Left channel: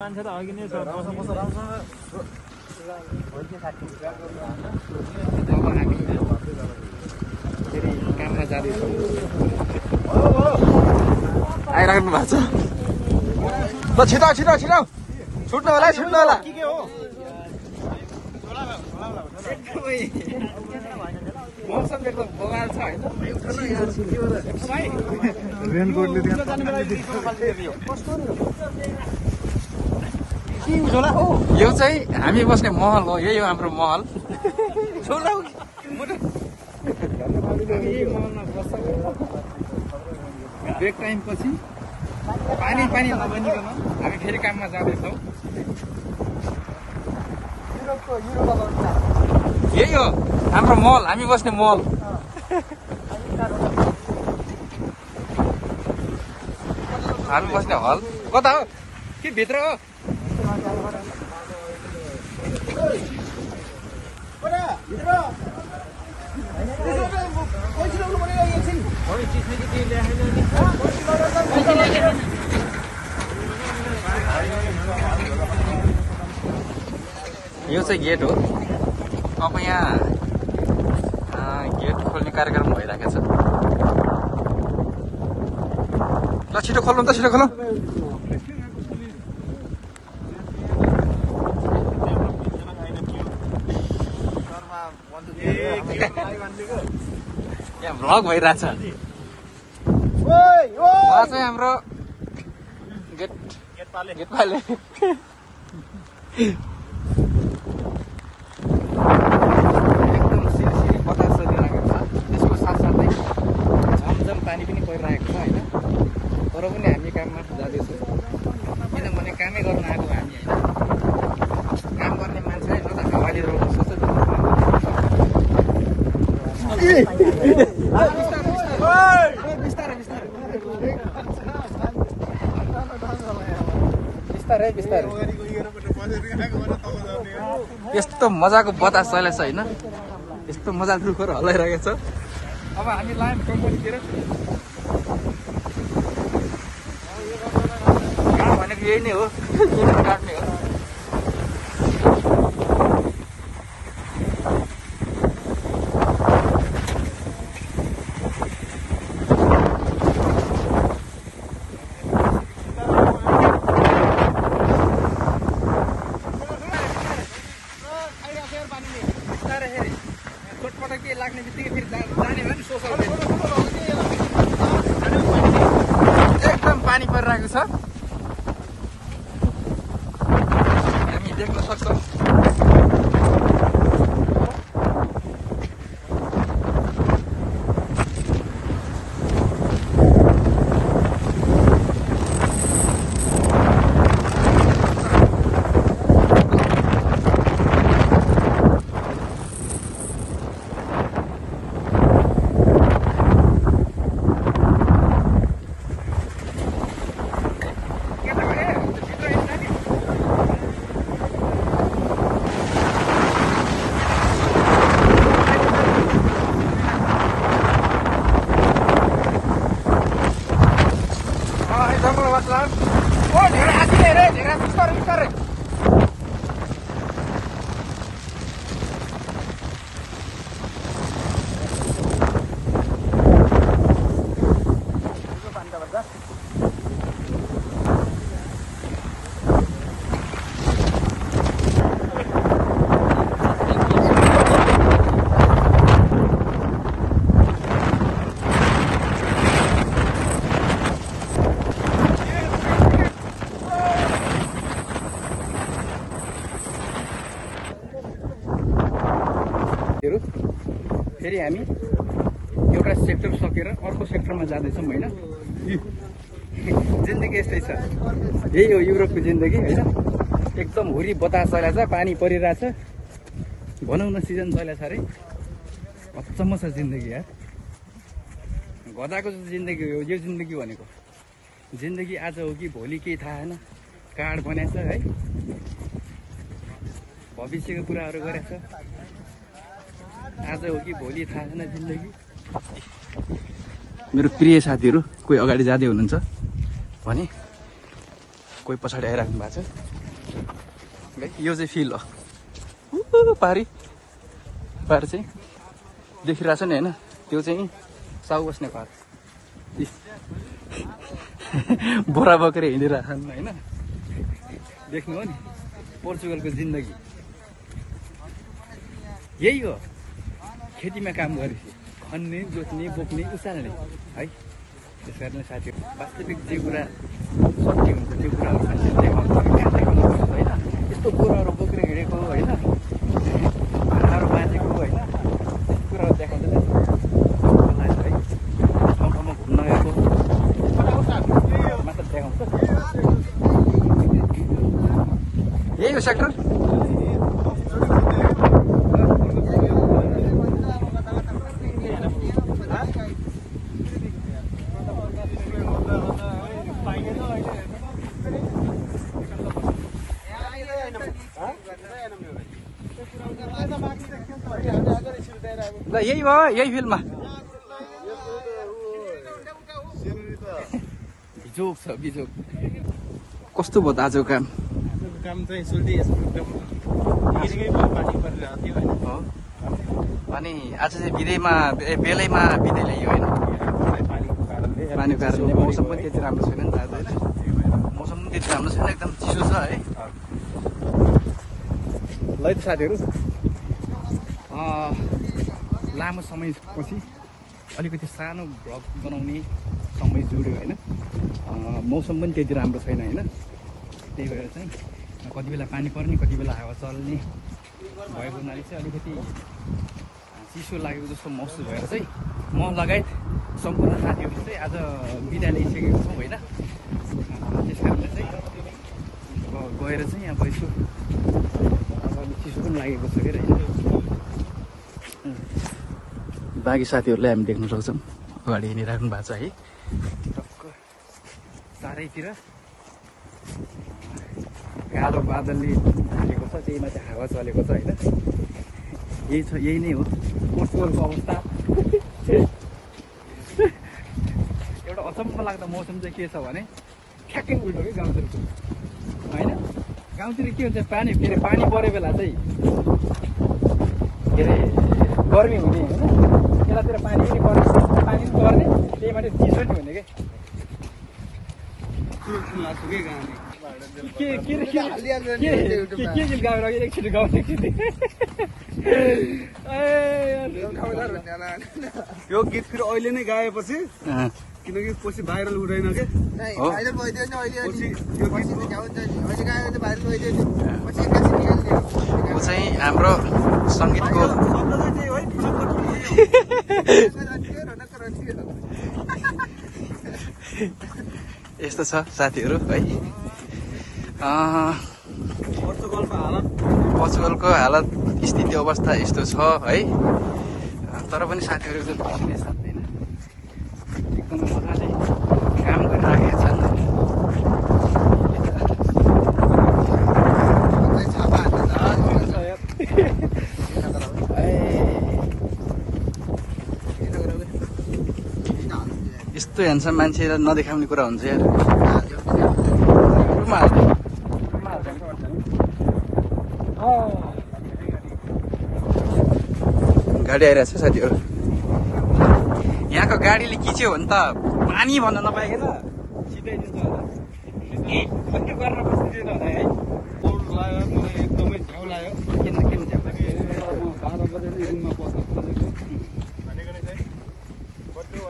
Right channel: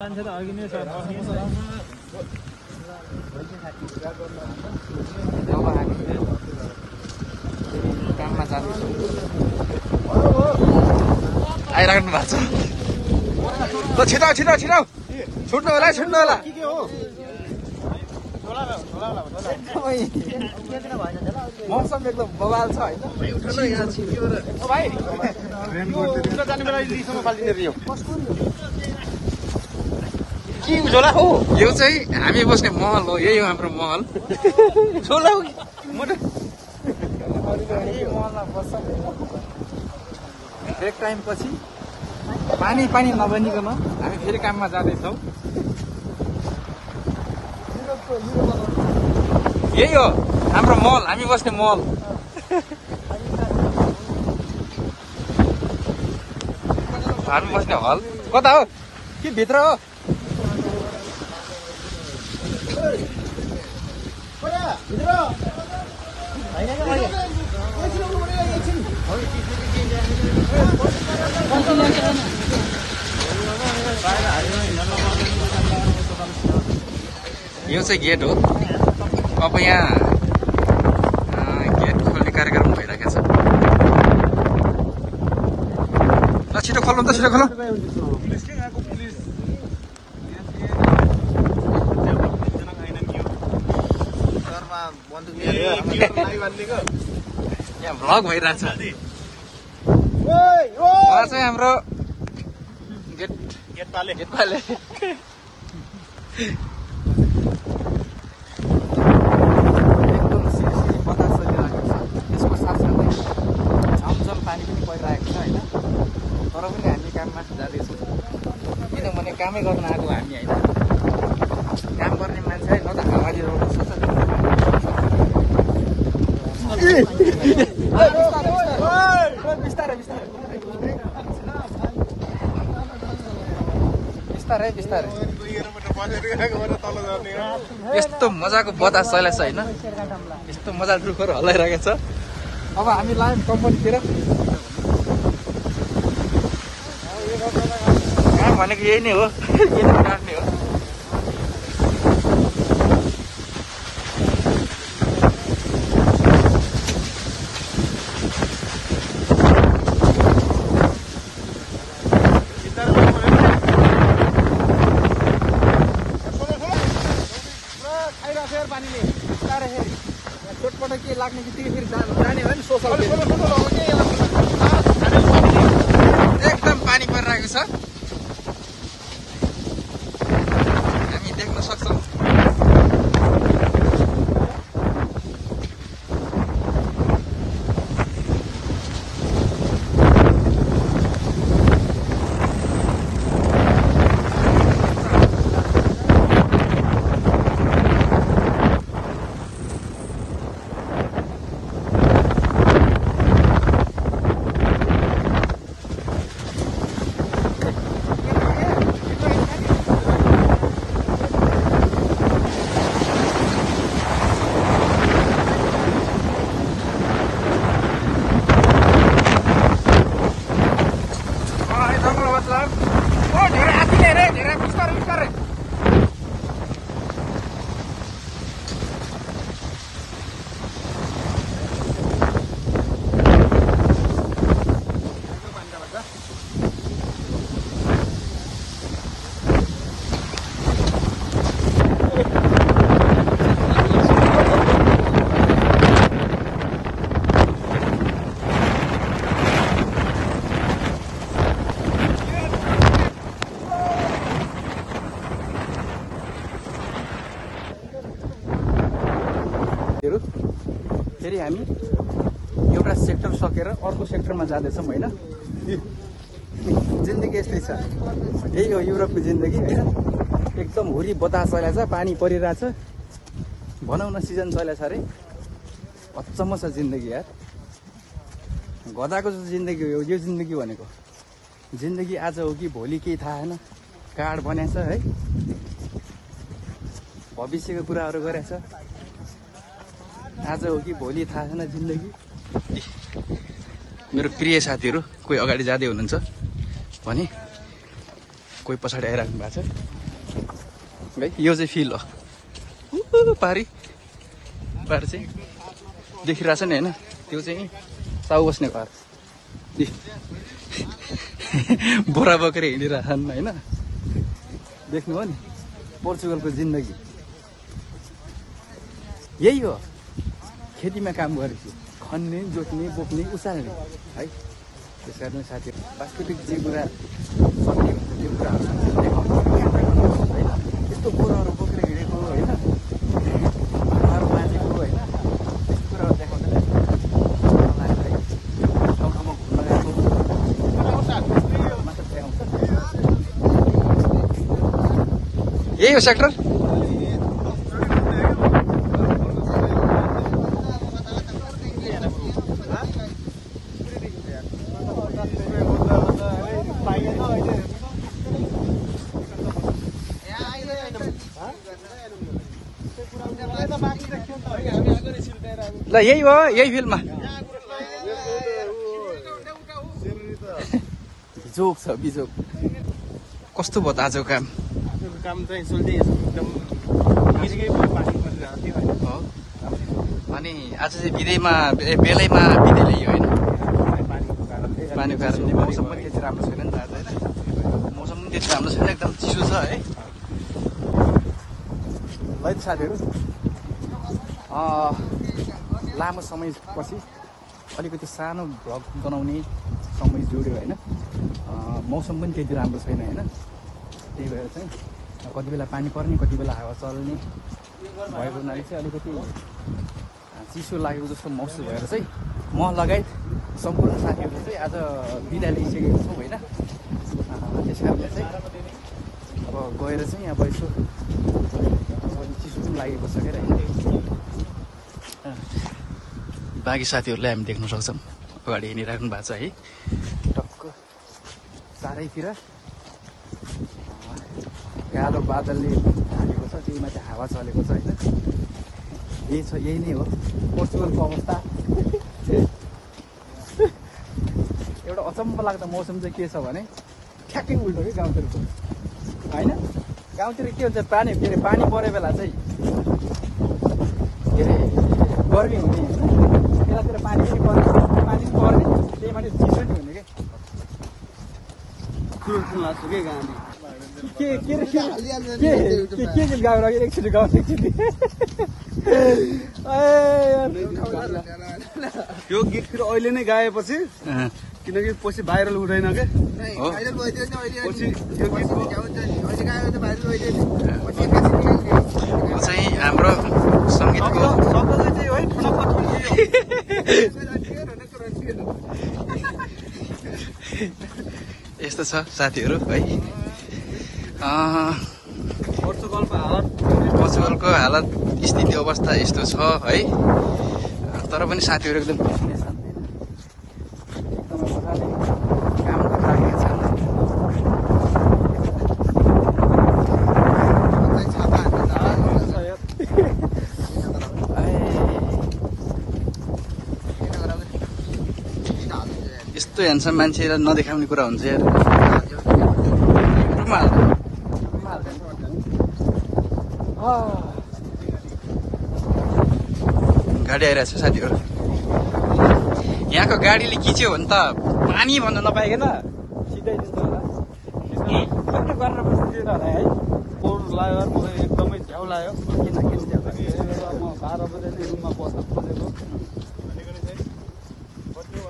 मान्छे त अघि नै छ काममा जाँदैछौँ आइराख्नु भएको छ ल छिटो छिटो छिटो छुट्नु होला एकदमै मौसम एकदम बवाल छ होइन यो चाहिँ हामी बस्ने महल हो यही हो हाम्रो महल महलमा बस्छौँ ब्रेक टाइम पछि पानी नबनिकन हामी फेरि काममा जाँदैछौँ यही हो हाम्रो महल हामी बस्ने महल हामी बस्ने हल कता हो के भित्र हो यो चाहिँ गेट हो अब यहाँ गेट खोल्ने कार्यक्रम भइरहेको छ ल छिटो खोल्नु त छिटो खोल्नु यहाँ भ्लग भइरहेछ उहाँ चाहिँ हाम्रो गेटपाले त्यसको साथसाथै झमझम पानी पनि परिरहेको छ होइन तर पनि हामी काममा जाँदैछौँ किनभने कामै गर्न आएको हामी होइन काम गर्ने मान्छे म त हावाले बिस्तारै यस्तो मजाको बतास चलेको छ होइन यस्तो मजा रुखहरू हल्लाइरहेको छ अब हामी लायौँ कम्पनीतिर यहाँ भनेको यही नै हो यही नै काट्ने हो चोटपटक के लाग्ने बित्तिकै फेरि जाने हो नि सोसल खेल्ने एकदम पानी परिरहेको छ हामी देख्न सक्छौँ फेरि हामी एउटा सेक्टर सकेर अर्को सेक्टरमा जाँदैछौँ होइन जिन्दगी यस्तै छ यही हो युरोपको जिन्दगी होइन एकदम हुरी बतास चलेको छ पानी परिरहेछ भनौँ न सिजन चलेको छ अरे अचम्म छ जिन्दगी यार गधाको जिन्दगी हो यो जिन्दगी भनेको जिन्दगी आज हो कि भोलि केही थाहा छैन कार्ड बनाएछ है भविष्यको कुराहरू गरेछ आज हो कि भोलि थाहा छैन जिन्दगी मेरो प्रिय साथीहरू कोही अगाडि जाँदै हुनुहुन्छ भने कोही पछाडि आइराख्नु भएको छ है। यो चाहिँ फिल हो पारी चाहिँ देखिरहेछ नि होइन, त्यो चाहिँ साउ बस्ने घर बोरा बोकेर हिँडिरहेछन् होइन। देख्नुभयो नि पोर्चुगलको जिन्दगी यही हो। खेतीमा काम गरेपछि खन्ने, जोत्ने, बोक्ने, उचाल्ने है। त्यस कारणले साथीहरू वास्तविक जे कुरा सत्य हुन्छ त्यो कुरा यस्तो कुराहरू बोकेर हिँडेको होइन, भाडाहरू बाँचेको होइन, त्यस्तो कुराहरू देखाउँदैन। यही हो सेक्टर। ल यही हो, यही फिल्डमा बिजोक छ बिजोक। कस्तो भयो त आजको काम? काम चाहिँ सोल्दै एकदम हो। अनि आज चाहिँ बिदैमा बेलैमा बिदै ल्यायो होइन, पानीको कारणले। मौसम पनि त्यति राम्रो छैन नि त आज होइन, मौसम पनि त्यति राम्रो छैन, एकदम चिसो छ है। ल त साथीहरू, लामो समयपछि अलिकति सानो भ्लग बनाउने समय जोड्यो होइन। मौसम पनि त्यति राम्रो छैन होइन, त्यही भएर चाहिँ कति बेला पानी पर्ने, कति बेला हावा चल्ने भएको हुनाले चाहिँ अलिकति चिसो लागेको जस्तो महसुस भएर चाहिँ म लगायत सम्पूर्ण साथीहरूले चाहिँ आज बिदा लिइसकेको छौँ होइन। त्यस कारणले चाहिँ अब गएर चाहिँ अब यसो चिसो पनि लागेको छ क्या होइन। बाँकी साथीहरूलाई हामी देख्न सक्छौँ अगाडि हिँडिराख्नु भएको छ है। टक्क चारैतिर कालो बादलले ढाकेको छ, त्यहीमा चाहिँ हावा चलेको छ होइन। यही छ, यही नै हो पोर्चुगलको अवस्था। एउटा अचम्म लाग्दो मौसम चाहिँ के छ भने ठ्याक्कै उल्टो कि गाउँतिरको होइन। गाउँतिर के हुन्छ, पानी फेरि पानी परेको बेला चाहिँ के अरे गर्मी हुने होइन, यतातिर पानी पनि पर्ने, पानी पनि पर्ने, त्यही माथि चिसो नि हुने कि लाग्छ कि गाउँले के गीत गाएर एकचोटि गाउँछ एकचोटि। यो गीत फेरि अहिले नै गाएपछि किनकि पछि भाइरल हुँदैन क्या। ऊ चाहिँ हाम्रो सङ्गीतको यस्तो छ साथीहरू है। पोर्चुगलको हालत स्थिति अवस्था यस्तो छ है। तर पनि साथीहरू एकदम मजाले काम गरिराखेको छ। यस्तो ह्यान्डसम मान्छेलाई नदेखाउने कुरा हुन्छ यार। गाडी आइरहेको छ साथीहरू। यहाँको गाडीले खिच्यो भने त पानी भन्न नपाइकन सिधै त्यस्तो होला गर्न बस्नु होला है। पोहोर लाग्यो मलाई एकदमै झ्याउ लाग्यो। किन झ्याउ लाग्यो? 12 बजे नै रुममा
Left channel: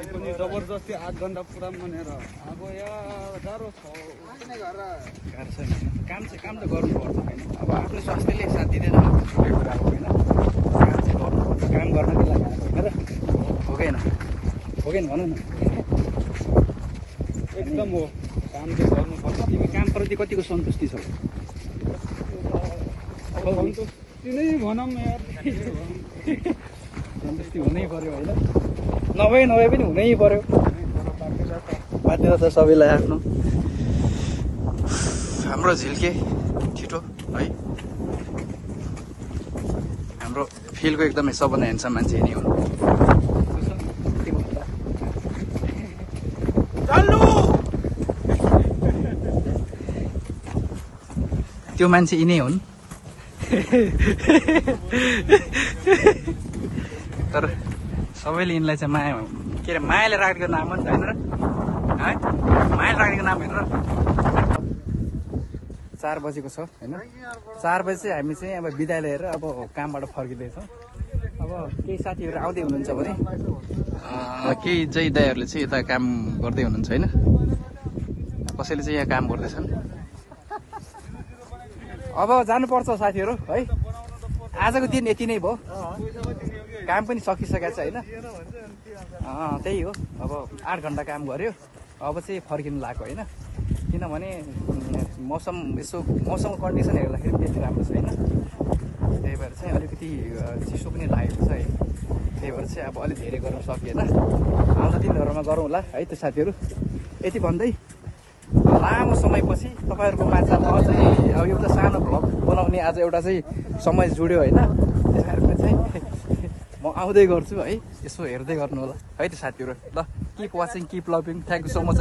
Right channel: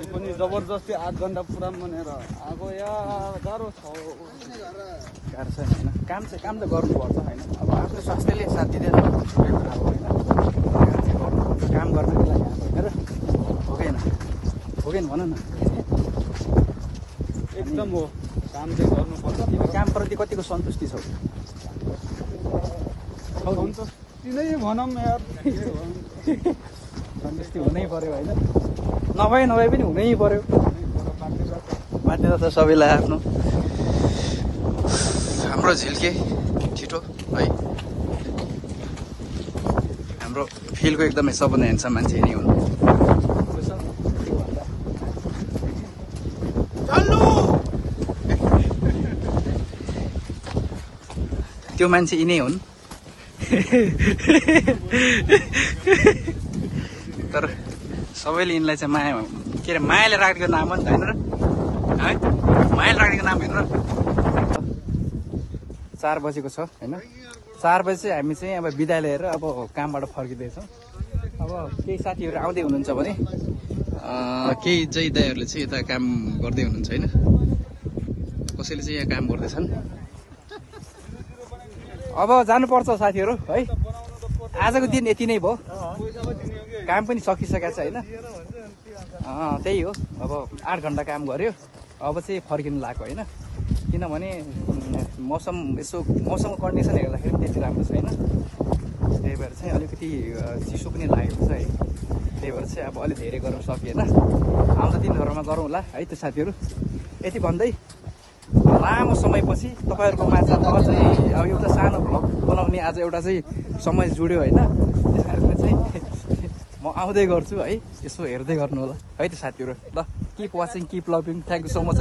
पनि जबरजस्ती 8 घन्टा पुरा भनेर आएको यार गाह्रो छ। गाह्रो छैन होइन, काम त गर्नुपर्छ होइन। अब आफ्नो संस्थाले साथ दिँदैन, काम गर्नको लागि आएको होइन र हो कि भन न। एकदम हो, काम चाहिँ गर्नुपर्छ। तिमी कामप्रति कतिको सन्तुष्टि छौ? सन्तुष्टि नै भनौँ यार, सन्तुष्टि हुनै पर्यो होइन। नभए पनि हुनै पर्यो, बाध्यता त सबैलाई आफ्नो। हाम्रो झिल्के छिटो है, हाम्रो फिल्डको एकदमै सबभन्दा ह्यान्डसम मान्छे नै हुनु। त्यो मान्छे यिनै हुन्। तर सबैले यिनलाई चाहिँ माया के अरे मायाले राखेको नाम हो नि त होइन र है, मायाले राखेको नाम होइन र। 4 बजेको छ होइन, 4 बजे चाहिँ हामी चाहिँ अब बिदा लिएर अब कामबाट फर्किँदैछौँ। अब केही साथीहरू आउँदै हुनुहुन्छ भने केही जय दाइहरूले चाहिँ यता काम गर्दै हुनुहुन्छ होइन, कसैले चाहिँ यहाँ काम गर्दैछन्। अब जानुपर्छ साथीहरू है, आजको दिन यति नै भयो, काम पनि सकिसकेको छ होइन। त्यही हो, अब 8 घन्टा काम गऱ्यो, अब चाहिँ फर्किनु लाग्यो होइन। किनभने मौसमको कन्डिसन हेर्दाखेरि त्यति राम्रो छैन, त्यही भएर चाहिँ अलिकति चिसो पनि लागेको छ है। त्यही भएर चाहिँ अब अलिक धेरै गर्नु सकिएन, आउँछ दिनहरूमा गरौँ होला है त साथीहरू। यति भन्दै लामो समयपछि तपाईँहरूको माझ चाहिँ अब एउटा सानो भ्लग बनाउने आज एउटा चाहिँ समय जुड्यो होइन। त्यस कारणले चाहिँ म आउँदै गर्छु है, यसो हेर्दै गर्नु होला है त साथीहरू। ल, keep watching, keep loving, thank you so much.